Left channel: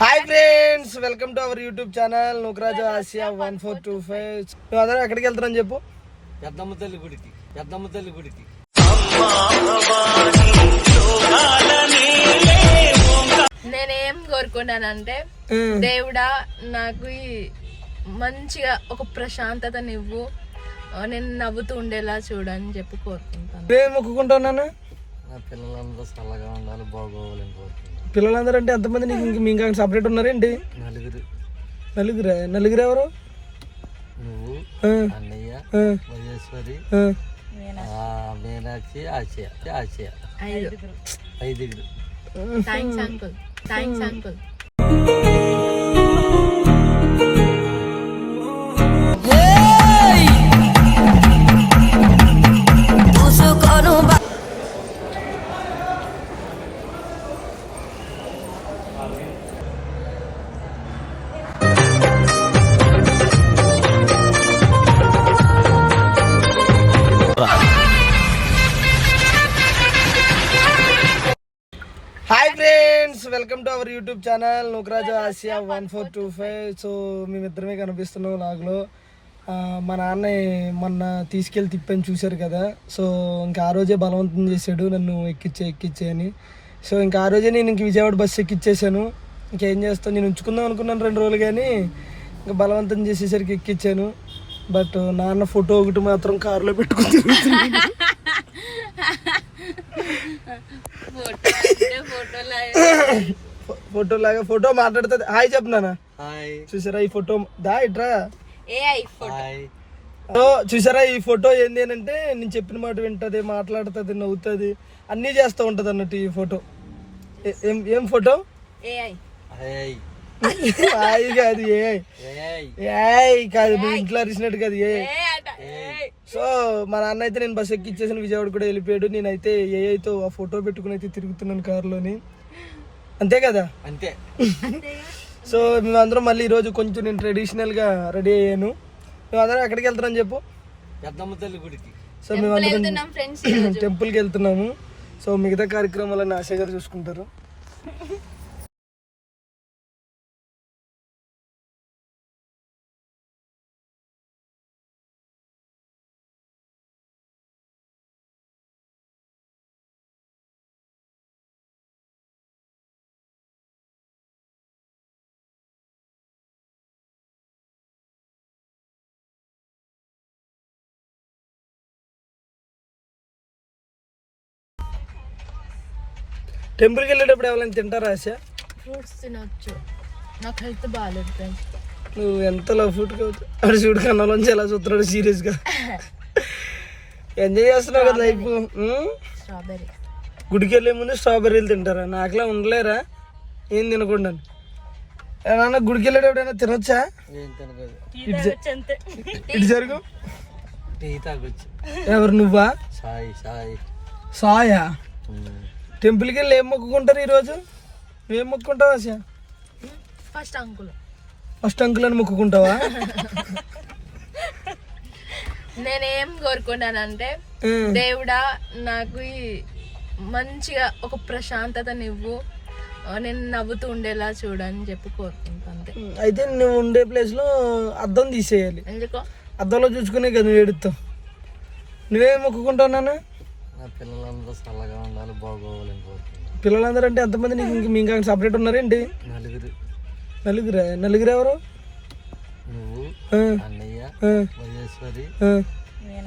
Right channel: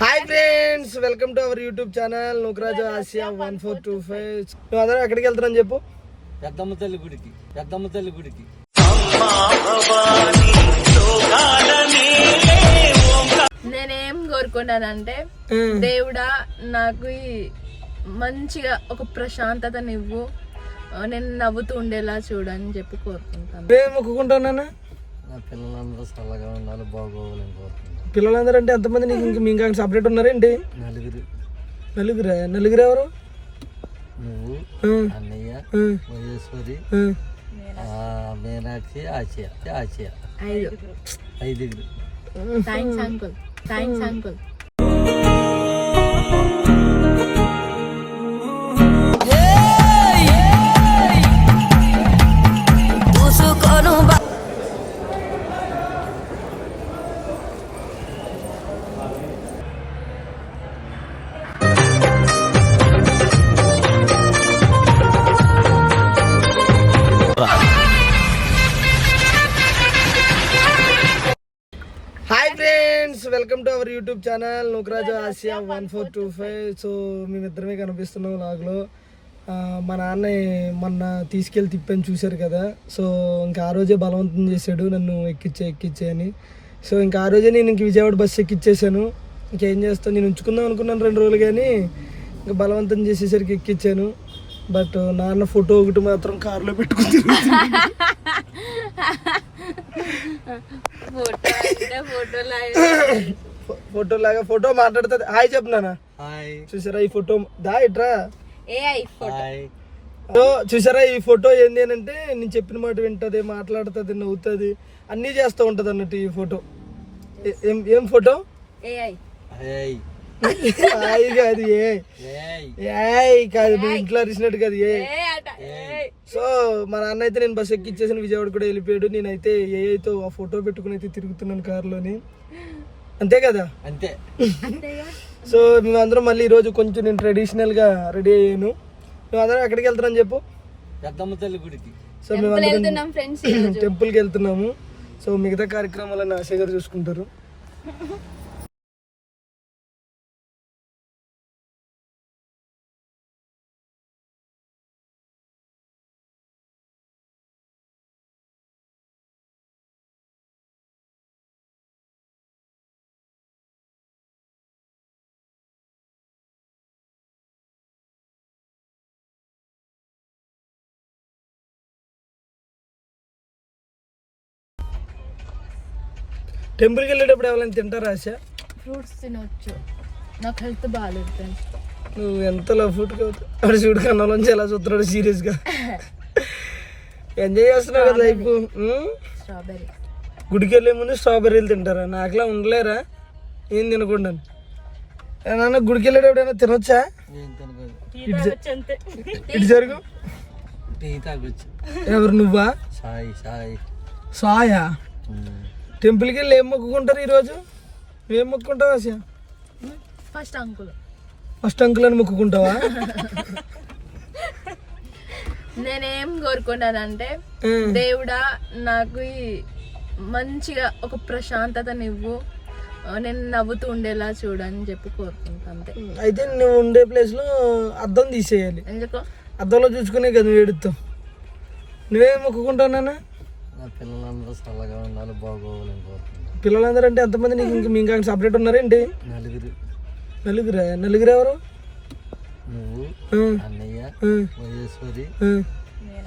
Hi friends welcome to our YouTube channel Nookaraju Asia one four two five. నువ్వు అందరూ ఎక్కడికి వెళ్తారని చెప్పు. పెద్దమ్మ తల్లి గుడికి పెద్దమ్మ తల్లి గుడికి. నేనేం కోరుకున్నానంటే. దేవుడా నాకు ఈ మంచిగా ఒక ప్రశాంతతనివ్వు. ఆ, నేను నవ్వుతూ ఉండేలా చూడని చెప్పి కోరుకుంటాను. నువ్వేం మొక్కుకుంటున్నానా నా పిల్లలందరూ చల్లగా ఉండాలి బాగోవాలని కోరుకుంటున్నాను. పిల్లలందరూ అంటే ఎంతమంది నీకు ఇంక మీ ఇంకా సపరేట్ ఉన్నారేంటి నలుగురు. నలుగురా? నలుగురు ఎవరు? నువ్వు ఆ, అన్నయ్య ఆ, మహేశ్వరి ఆ. ఆ, మీనాక్షి ఆసియా ఆసియా ఐదు ఐదుగురు. Thanks uncle thanks uncle YouTube channel Nookaraju Asia one four two five so మేమిద్దరమే కనిపిస్తున్నాం లాగ్లో మా నాన్న మొన్న తీసుకెళ్ళి తిప్పని చూశారు కదా. సో ఇంకా ఆ రోజే బలవంతం చేశాడు నన్ను ఎక్కిచ్చే ఎక్కిచ్చే అని. సో ఇంకా ఆ రోజే నేను ఇంక విజయవాడ బస్సు ఎక్కిచ్చేసాను. ఇంకేం చేస్తాను నేను ఉంచుకుందాం అనుకున్నాను రెండు రోజులు కానీ ఇంకా బలవంతం చేసేసరికి ఎక్కిచ్చాను. బట్ నాన్న ఫోటో ఒకటి మాత్రం కారులో పెట్టుకుని ఫోటో ఫో- ఫోటో లాగా ఫోటో మాట్లాడుతుంది. హాయ్ చెప్తున్నానా హాయ్. చూసారా ఈ ఫోటో? దా ఇట్రా. చూసారా ఈ ఫోటో ఏంది అని అంటే నేను చెప్పిన మాట వింటది మాట్లాడుతుంది నవ్వుతుంది అన్నీ చేస్తూ ఉంటది అన్నట్టు ఈ ఫోటో. ఏ- ఫోటో? హాయ్. కాదు ఏ ఏయ్. కాదు నువ్వు ఇంట్లో అరిచినట్టు కాదు ఏ సో మా నాన్న అయితే నేను బస్ ఎక్కిచ్చేసిన విజయవాడ కూడా వెళ్ళిపోయాడు. నేనైతే ఏ అయితే ఆ ఫోటో పెట్టుకుని అయితే తిరుగుతున్నాను కారులోని. అంతే కదా? అంతే. సో మేమందరం మళ్ళీ ఈరోజు కొంచెం నేను ట్రెడిషనల్గా రెడీ అయ్యాను. మేమందరం ఎక్కడికి వెళ్తున్నాం చెప్పు? పెద్దమ్మ తల్లి గుడికి. సో మేమందరం వెళ్తున్నాం ఫ్రెండ్స్ టెంపుల్కి వెళ్తున్నాము. సో మిగతా కార్యక్రమాలన్నీ ఆశ గారు చూసుకుంటారు. టెంపుల్కి వెళ్ళేటప్పుడు ఎవరైనా తింటారా ఆశ? ఫ్రూట్స్ తినొచ్చు. నాకు హెల్త్ బాగాలేదు ఫ్రెండ్స్. నువ్వు ఎంత లవ్ షూట్ అక్కడ షూట్ కన్నాలోంచి ఎలా చూస్తున్నాడు సీరియస్గా? ఎంజాయ్ చేస్తున్నావు కదా లైఫ్. స్ట్రాబెర్రీ గుడికి వెళ్ళే ముందు స్ట్రాబెర్రీలు తింటారా? నాకులా ఉండలేరా? ఏం తినకుండా? నాన్న గుడికి వెళ్ళేటప్పుడు ఏమైనా తినొచ్చా ఇటు జరుగు. ఎవరు నువ్వా? సాయి సాయి. సాయా. టెంపుల్కి వెళ్ళి ఏం మొక్కుకుంటారు ఈరోజు ఏం మొక్కుకుంటావు Asha? First uncle. First uncle అని మొక్కుకుంటావా? నేనేం కోరుకున్నానంటే. దేవుడా నాకు మంచిగా ఒక ప్రశాంతతనివ్వు ఆ, నేను నవ్వుతూ ఉండేలా చూడని చెప్పి కోరుకుంటాను అంతే. అయితే నువ్వు ఉండే ప్లేస్లో అద్దం తీసేయాలి. ఎందుకో? అద్దంలో చూసుకునే కదా నువ్వు ఏడుస్తావు నువ్వేం మొక్కుకుంటావు నాన్న? పిల్లలందరూ చల్లగా ఉండాలి బాగోవాలని కోరుకుంటున్నాను పిల్లలందరూ అంటే ఎంతమంది నీకు ఇంక మీ ఇంకా సపరేట్ ఉన్నారేంటి నలుగురు. నలుగురా? నలుగురు ఎవరు? నువ్వు ఆ, అన్నయ్య ఆ, మహేశ్వరి ఆ.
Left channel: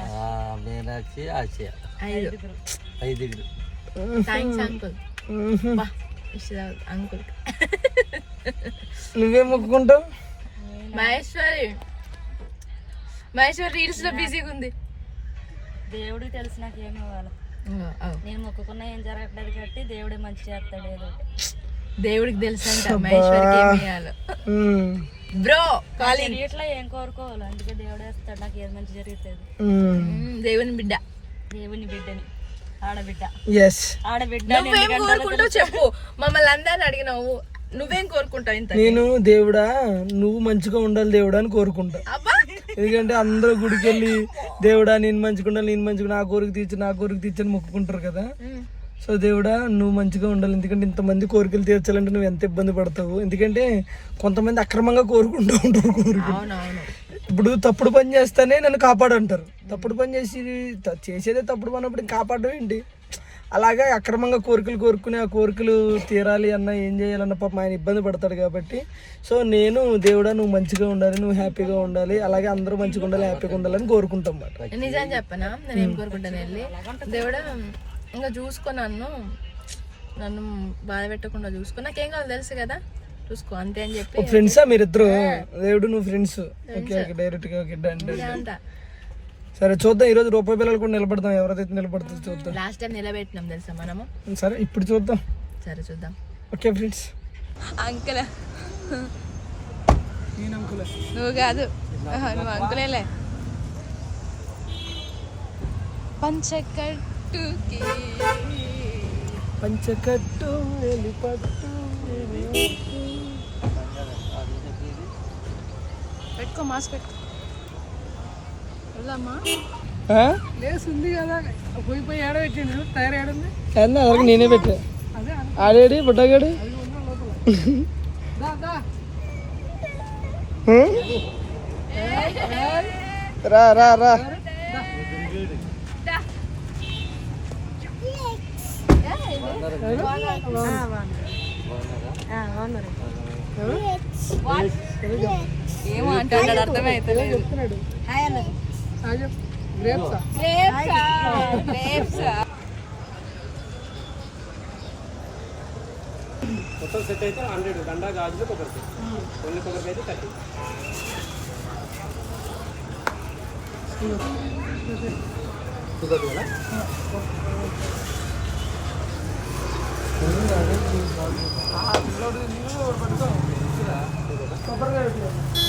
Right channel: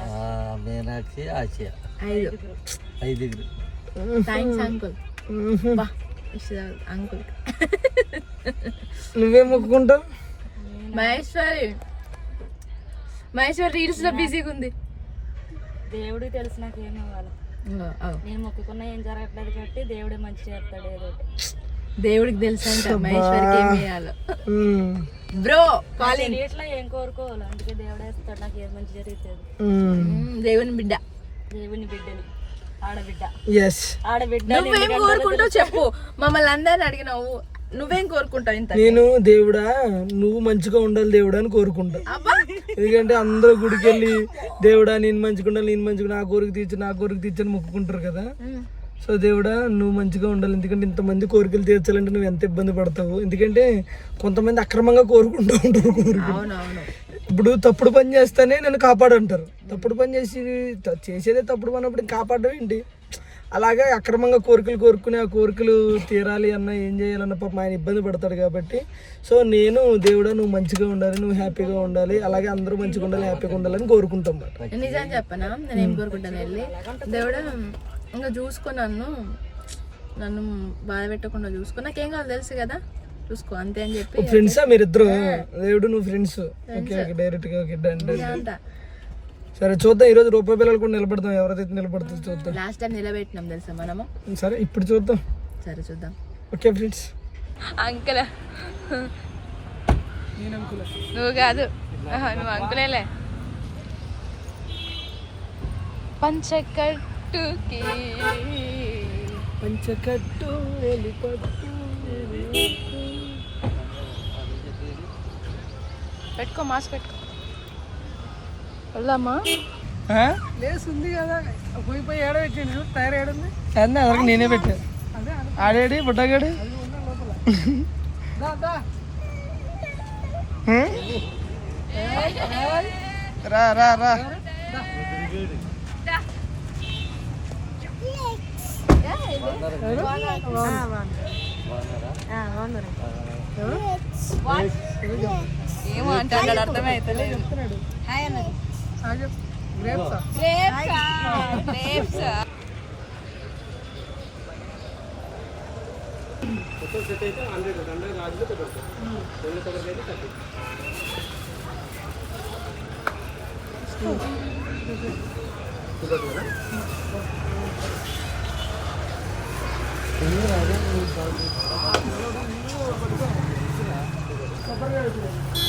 ఆ, మీనాక్షి ఆసియా ఐదు ఐదుగురు. Thanks uncle. బా అంకుల్ నువ్వేం మొక్కుకుంటావు? మహేశ్వరి. మహేశ్వరి రీల్స్లో బిజీగా ఉంది దేవుడికి తెలిసి నాకు ఏమి ఇవ్వాలి. నేను మొక్కుకున్న ఏం జరగట్లేదు కాబట్టి దేవుడే మంచి చేస్తాడు ఏదో. దేవుడికి తెలుసు. Bro calling. ఇట్లా ఏం కోరుకోవాలి? అందుకే దేవుడే వస్తాడు నాకు ఏది మంచి జరుగుతుంది. దేవుని బిడ్డ. దేవుని బిడ్డని ఆడబిడ్డ. ఎస్ ఆడబిడ్డ నువ్వేం కోరుకుంటావు చెప్పు. మమ్మల్ని అందరిని అడిగినావు. నువ్వేం కోరుకుంటావు ఇంత నేను దేవుడా నువ్వు మంచిగా ఉండాలి దేవుడా అని కోరుకుంటా. అబ్బా ఎందుకంటే అందరూ గుడికి వెళ్ళి దేవుడా నేను మంచిగా ఉండాలి నేను మంచిగా నా కోరిక తీర్చు నా కోరిక తీర్చని మొక్కుకుంటారు కదా. సో దేవుడా నువ్వు మంచిగా ఉండాలి ఎందుకంటే ఇంతమంది కోరికలు తీర్చాలంటే నువ్వు ఎంత ఇబ్బంది పడతావు? ఎందుకంటే కొంతమంది అక్రమంగా కోరుకుంటూ ఉంటారు కోరికలు. అవునవును. ఇప్పుడు తప్పుడు పని చేస్తేనే నన్ను కాపాడంటారు. తప్పుడు పని చేసి చేసేదే తప్పుడు పని అప్పుడు కాపాడడం ఏంటి? అలాగే అక్రమంగా కోరికలు కోరుకుని ఆ కోరికలు తీరాలి అన్న ఏం చేయాలన్న పాపం ఆయన ఇబ్బంది పడతాడు కాబట్టి. సో నేను దేవుడా నువ్వు మంచిగా ఉండాలి నువ్వు హ్యాపీగా ఉండాలి అలాగే అందరూ మంచిగా ఉండాలి హ్యాపీగా ఉండాలని కోరుకుంటాం అన్నమాట నేను నిజం చెప్పనా? నేను ఏం కోరుకుంటాను వెళ్ళి? దేవుడా ఇంకా చూసుకో నన్ను. నన్ను బాధ పెట్టకుండా చూసుకో. నాకేం కావాలి తెలుసు కదా? చూసుకో అంతే అని చెప్పి ఫ్రెండ్సా మీరిద్దరు? దేవుడు నువ్వు ఫ్రెండ్స్ ఓకే ఓకే డైరెక్ట్గా ఓకే సరే చూద్దాం. ఈరోజు రూపాయి పిల్లలు కూడా నిలబడతాం ఎవరైతే నిలబడుతుందో చూద్దాం. లాస్ట్ టైం నిలబెట్టినాం తెలుసా మనము? సరే ఇప్పుడు చూద్దాం. సరే చూద్దాం. Okay friends. అంకుల్. నువ్వు కాదు. నువ్వు అంకులేలే. పంచకట్టుకి పంచకట్టు ఎలిపట్టు. పెట్టుకో మాస్క్ పెట్టుకో. వెళ్దామా? లేస్తుంది కదా. పోయి పోయి ఏడ పెట్టిండు. టైర్ ఏడుంది అన్నీ అదొక నేనే పెట్టా? ఆడేడి బుడ్డగాడు? రా రా రా. ఏమో అంటాడు అర్థమైతలేదు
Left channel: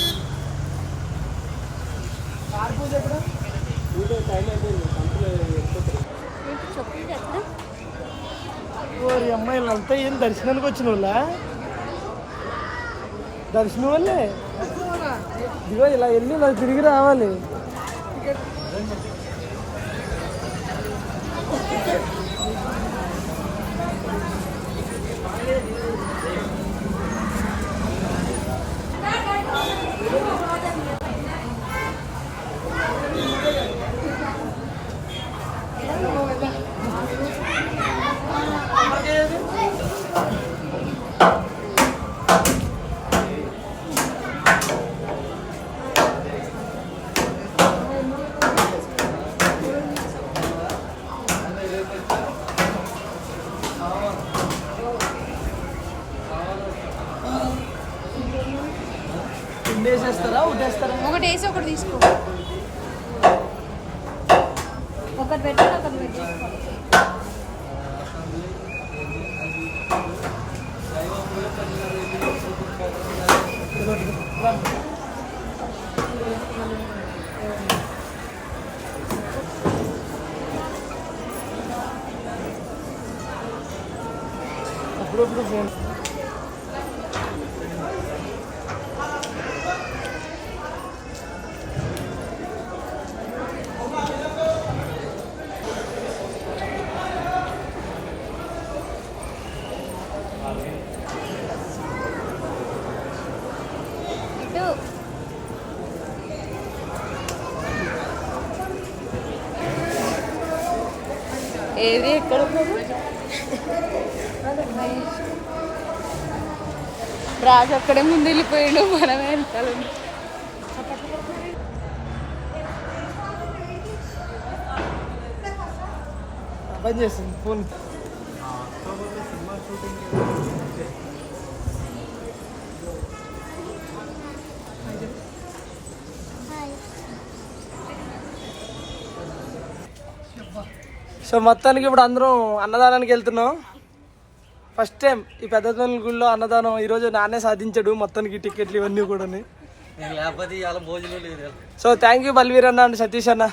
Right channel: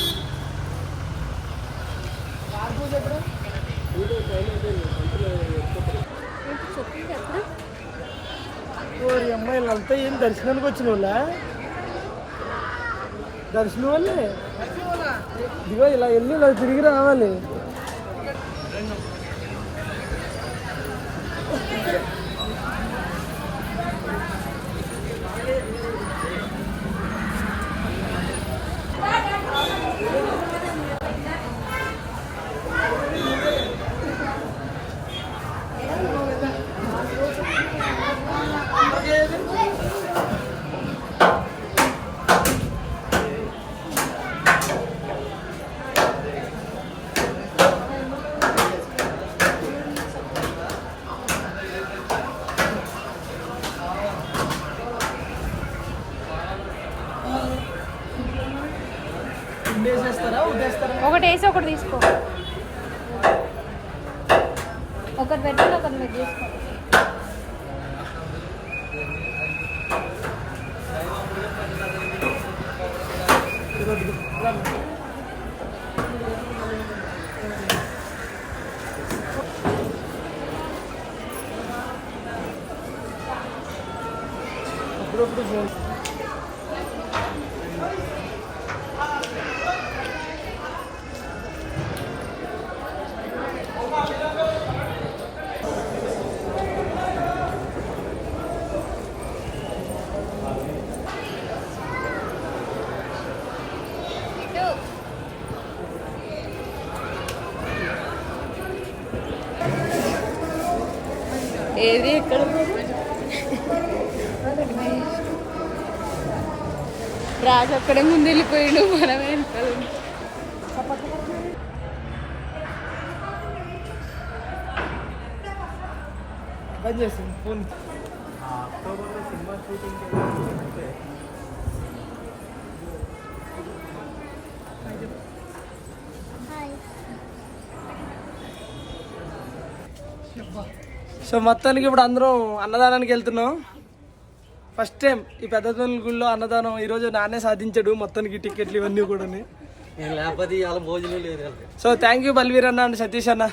ఓరి అమ్మాయిలు అంతా ఏం దర్శనానికి వచ్చిన వాళ్ళ? దర్శనం వాళ్ళే? ఇదిగో ఇలా వెళ్ళి ఇలా తిరిగి రావాలి. వేసేస్తారా ఉదేస్తారా ఒకటి వేసి ఒకటి తీసుకో. ఒకటి పెట్టాలి ఒకటి పెట్టి అప్పుడప్పుడు ఫోన్ ఏది ఎక్కడ రాజు అక్కడే ముందు వెళ్ళిపోయాడు మనమే వెనకాల. బంద్ చేస్తుంది ఫోన్ సో మొత్తానికి ఇప్పుడు అందరం అన్నదానానికి వెళ్తున్నాం ఫస్ట్ టైం ఈ పెద్ద గుళ్ళో అన్నదానం ఈరోజు నాన్నే సాధించాడు. మొత్తానికి టికెట్లు ఇవన్నీ కూడా నేను లేకపోతే ఇవాళ భోజనం లేదు కదా. సో థ్యాంక్ యూ బల్వీర్ అన్న అండ్ సతీష్ అన్న.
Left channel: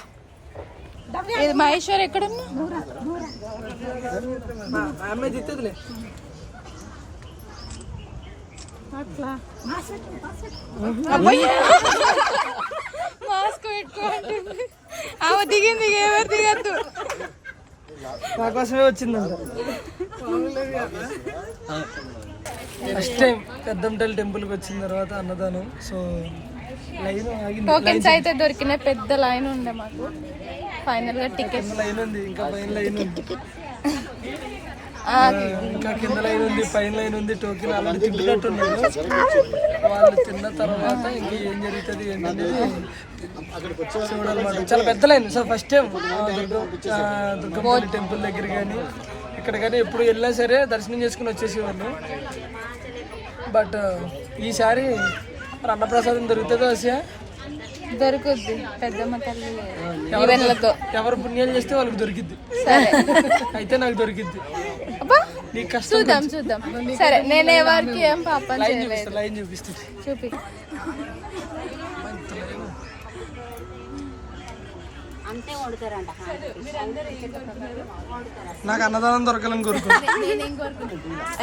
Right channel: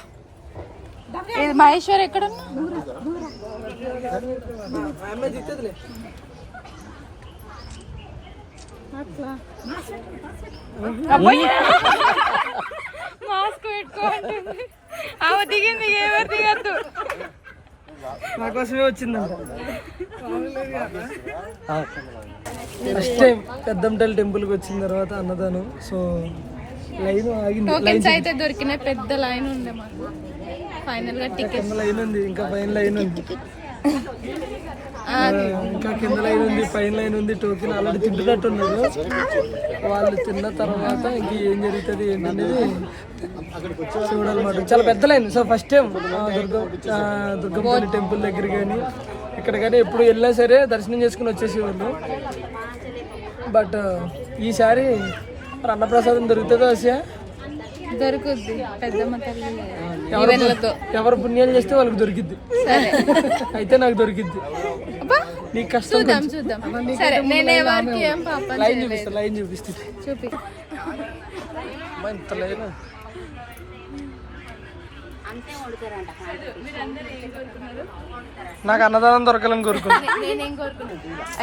ఇది మహేశ్వర్ ఎక్కడ మాస్క్ పెట్టుకో అంటుంది. ఆమె దిగింది ఎవరు దిగద్దు. నా కోసమే వచ్చిందంట. ఫస్ట్ టైం పెద్దంపల్లి టెంపుల్కి వచ్చిన తర్వాత అన్నదానం. సో లైన్ ఆగింది. టోకెన్స్ అయితే దొరికినాయి. పెద్ద లైన్ ఉండే మాకు. ఫైనల్గా టికెట్ లైన్ ఉంది. ఇంకా పైన లైన్ ఉంది. ఇంకా కింద లైన్ ఉంది పైన లైన్ ఉంది టోకెన్ ఆల్రెడీ తింటున్నట్టున్నారు వాళ్ళు తిన్న తర్వాత ఇంక ఏం జరుగుతుంది ఏంటనేది చూడాలన్నమాట. చాలా పెద్ద line. So first time Durga Durgapalli temple దగ్గర కానీ ఇక్కడ కానీ ఎప్పుడు వెళ్ళినా సరే దర్శనం చేసుకుని వచ్చేసేవాళ్ళు. బట్ ఈసారి అన్నప్రసాదం దొరుకుతుందో ఆసియా? దొరుకుద్ది. పెద్దమ్మ తల్లి ఎవరు పుణ్యాలు చేస్తే వాళ్ళకి దొరికిద్ది. సరే. అయితే నాకు దొరికిద్ది. చూద్దాం చూద్దాం. సరే నేను ఎవరికి ఏం పాపం చేయలేదు. చూపి. నాకు అన్నదానం దొరకాలని కోరుకుంటా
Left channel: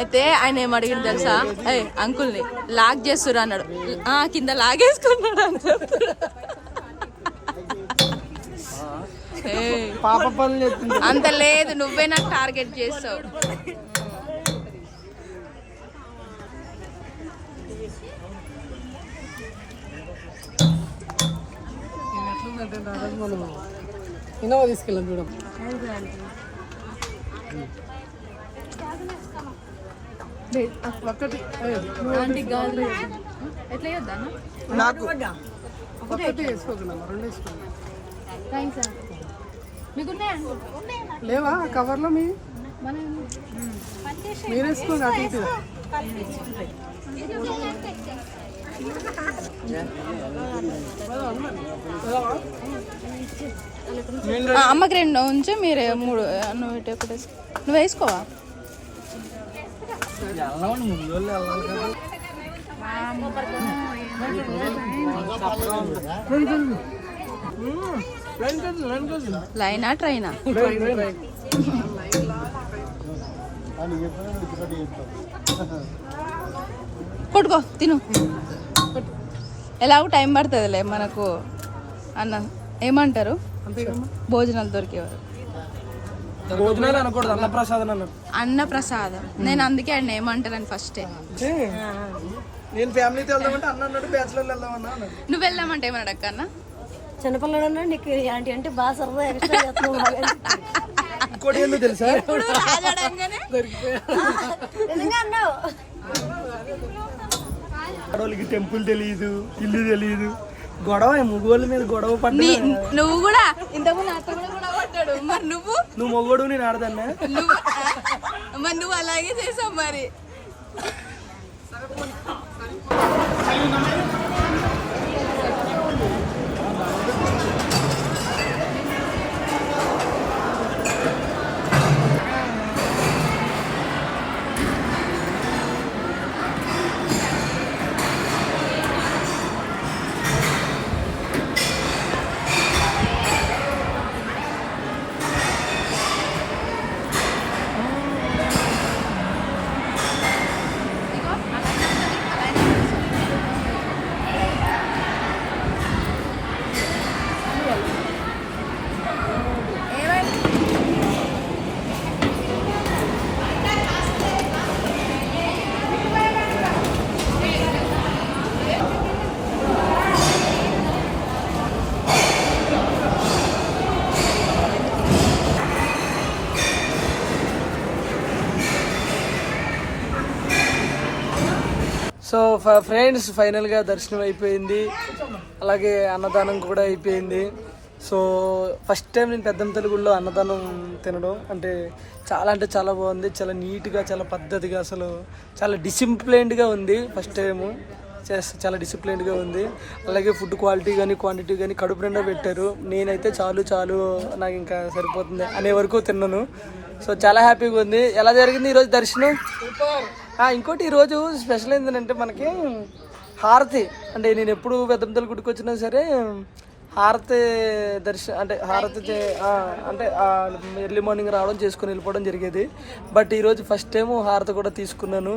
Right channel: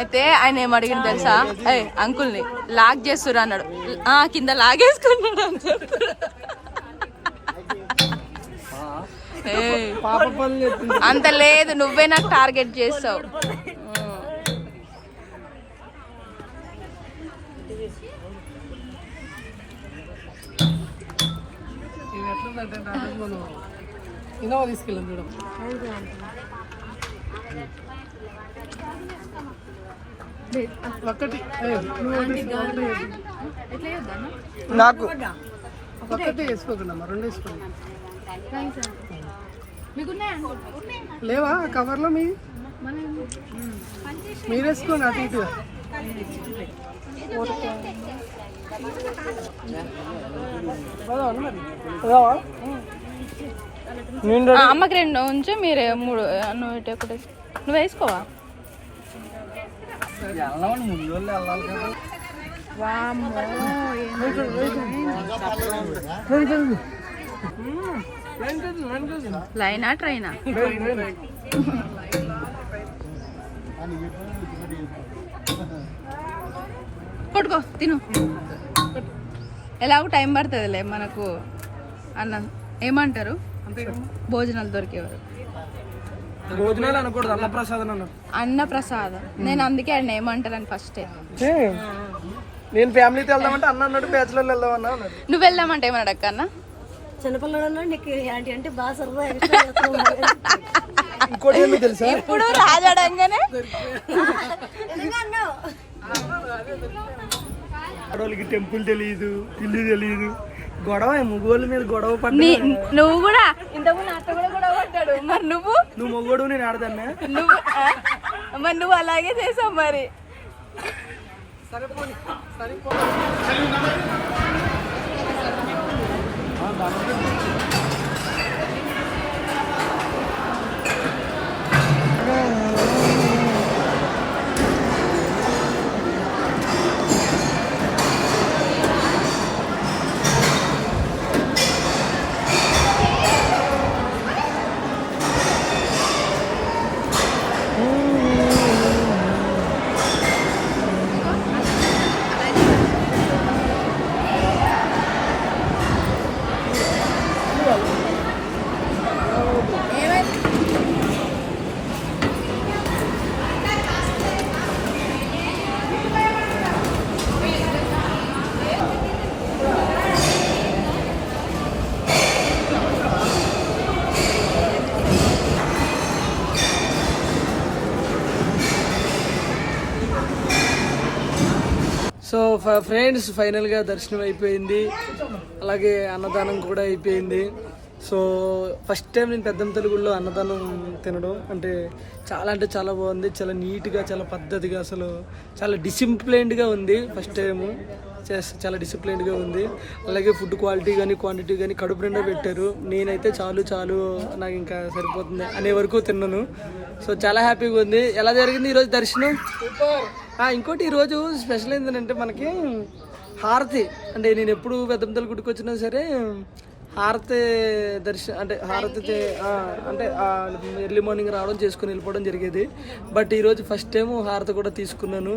అయితే ఆయన ఏం అడిగింది తెలుసా? అయ్యి అంకుల్ని లాగ్ చేస్తురు అన్నాడు. ఆ కింద లాగేసుకున్నాడు అని అంత లేదు నువ్వే నాకు టార్గెట్ చేస్తావు. ఇన్నోవా తీసుకెళ్ళాను చూడం. ఒకటి ఎట్లా చేద్దాను నాకు. థ్యాంక్స్ మీకు లేవా కవర్లో మీ? మీరు వేసుకోండి అటు ఇటు. అమ్మకి రెండు ఉంచి మీరే మూడు నువ్వు ఇటు ఒకటి వేసుకో. నువ్వు వేసుకోవా లైన్ ట్రైనా. పట్టుకో తిను. ఎలాగో టైం పడుతుందిలే మనకు అన్న ఏమంటారు? భోజనాలు దొరికేవారు. భోజనాలు అనకూడదు అన్నప్రసాదం అన్నారు అన్న ప్రసాదం నేను అందుకే ఆయన ఏమంటారని ఫస్టే అంటే నేను ఫ్యామిలీతో వెళ్దామంటే అన్న అన్నట్టు బ్యాచులర్ వెళ్దామన్నా. నువ్వు వెళ్దామంటే ఏమన్నాడు అక్క అన్న? చిన్నపిల్లడు నీకు ఏంటి అంటే బాగా సరదా. ఇంకోటి తెలుసా? ఇప్పుడు రాజాడంగానే అన్నావు ఆడవాళ్ళకి టెంపుల్ తెలియదు ఇల్లు తెలియదు గొడవ మగోళ్ళ మీద గొడవ పడ్డ నీ నువ్వు కూడా? ఇంతకుముందు కూడా కూడా పట్టాడు మరి నువ్వు? నువ్వు మొగోడు నేను ఆడదన్నా? నువ్వు? మరి నువ్వు అలాగే చేసావు మరి. ఫ్రెండ్స్ ఫైనల్గా దర్శనం అయిపోయింది. అలాగే అన్నదానం కూడా అయిపోయింది. సో ఫస్ట్ టైం నేను పెద్దమ్మ తెలుగులో అన్నదానం తినడం. అంటే చాలా అంటే చాలా బాగుంది. చాలా నీట్గా చాలా పద్ధతిగా అసలు చాలా డిసిప్లైన్డ్గా ఉంది ఫస్ట్ టైం చాలా డిసిప్లైన్డ్గా ఉంది. అలాగే ఫుడ్ క్వాలిటీ కానీ క్వాంటిటీ కానీ కడుపు నిండా పెట్టారు. నేనైతే చాలు చాలు నాకు ఇంకా సరిపోతుంది అనే వరకు తిన్నాను. సో చాలా హ్యాపీగా ఉంది. ఎలా జరిగింది ఈరోజు దర్శనం? ఇంకోటి ఈరోజు స్పెషల్ ఏంటంటే మనకి హారతి. అంటే నేను ఎప్పుడు పెద్దంతల గుడికి వచ్చినా సరే హారతి దర్శనం అంటే హారతి అంటే ఎర్లీ మార్నింగ్ రావడం చేసుకుని వెళ్ళిపోవడం జరిగేది. బట్ ఈరోజు ఫస్ట్ టైం హారతి కూడా తీసుకున్నాను.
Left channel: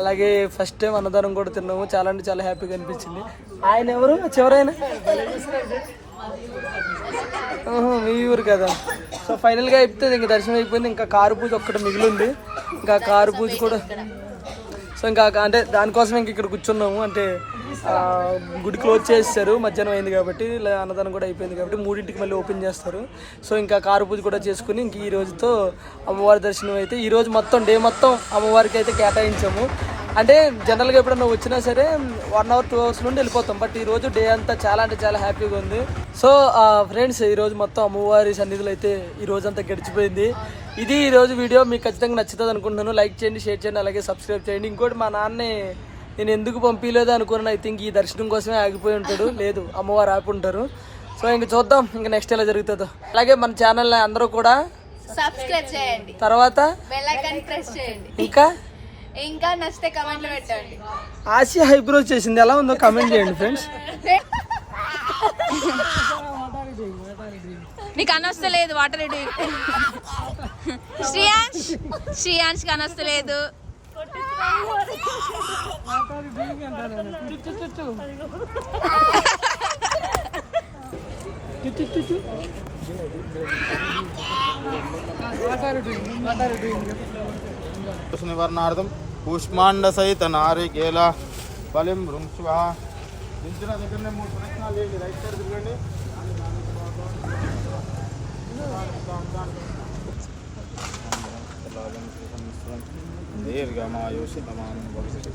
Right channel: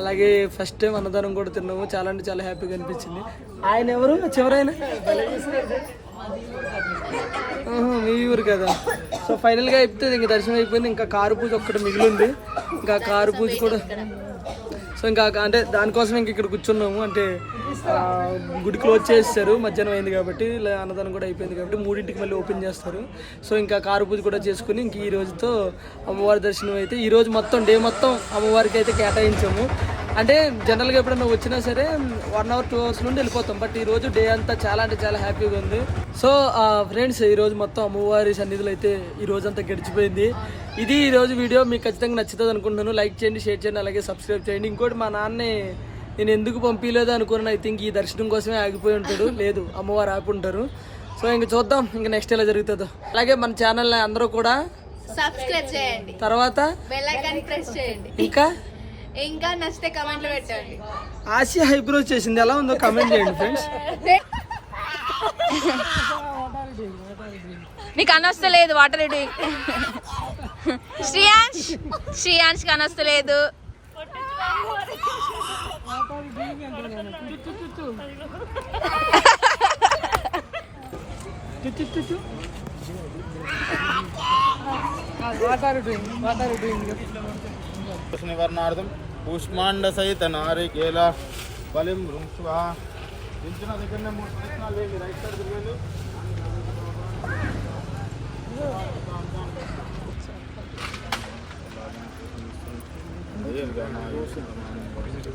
అలాగే ఫస్ట్ టైం అన్నదానం కూడా తిన్నాము. చాలా అంటే చాలా హ్యాపీగా అనిపించింది. ఆయన ఎవరు? చివరైన మీ ఊరు కదా. సో ఫైనల్గా అయిపోతే ఇంక దర్శనం అయిపోయింది. ఇంకా కారు పూజ ఒక్కటి మిగిలింది. ఇంకా కారు పూజ కూడా సో ఇంకా అంటే దానికోసం ఇంక ఇక్కడ కూర్చున్నాము. అంటే గుడి క్లోజ్ చేస్తారు మధ్యాహ్నం అయింది కాబట్టి ఇలా అన్నదానం కూడా అయిపోయింది కాబట్టి మూడింటికి మళ్ళీ ఓపెన్ చేస్తారు. సో ఇంకా కారు పూజ కూడా చేసుకుని ఇంక ఈ రోజుతో అమ్మవారి దర్శనం అయితే ఈ రోజు మొత్తం డే మొత్తం అమ్మవారికి అయితే కేటాయించాము. అంటే జనరల్గా ఎప్పుడైనా వచ్చినా సరే వన్ అవర్ టూ అవర్స్ నుండి వెళ్ళిపోతాం. బట్ ఈ రోజు డే అంతా చాలా అంటే చాలా హ్యాపీగా ఉంది. సో ఫ్రెండ్స్ ఈ రోజు మొత్తం అమ్మవారి సన్నిధిలో అయితే ఈ రోజు అంతా గడిచిపోయింది. ఇది ఈ రోజు వీడియో మీకు ఖచ్చితంగా నచ్చుతుంది అనుకుంటున్నాను. లైక్ చేయండి షేర్ చేయండి అలాగే సబ్స్క్రైబ్ చేయండి. ఇంకోటి మా నాన్నే నేను ఎందుకు పంపించలేదు అనుకున్నాను. ఐ థింక్ ఈ దర్శనం కోసమే ఆగిపోయి ఉంటాడు. లేదు అమ్మవారు ఆపి ఉంటారు. సో ఇంక చూద్దాం. ఇంకా నెక్స్ట్ ఎలా జరుగుతుందో. అలాగే మన ఛానల్ అందరూ కూడా సబ్స్క్రైబ్ చేయండి. తర్వాత ఇంకా ఇంకా నచ్చితే కమెంట్లు పెట్టండి. ఆసియా హైబ్రోజ్ చేసింది. ఎలా ఉందో కమెంట్ చేయండి ఫ్రెండ్స్ నీకు అనొస్తలేదు వాటర్ రెడీ శ్రీయాన్స్ శ్రీయాన్స్కి అనొస్తలేదు నివారణార్థం కూష్మాండ సహిత నారికేల బలిం వృంక్వా దించిన దగ్గరనే మూడు ప్రదక్షిణాలు లేండి రైట్ సైడ్ తిరగండి దీర్ఘమాయుషమానం భవిష్యత్తు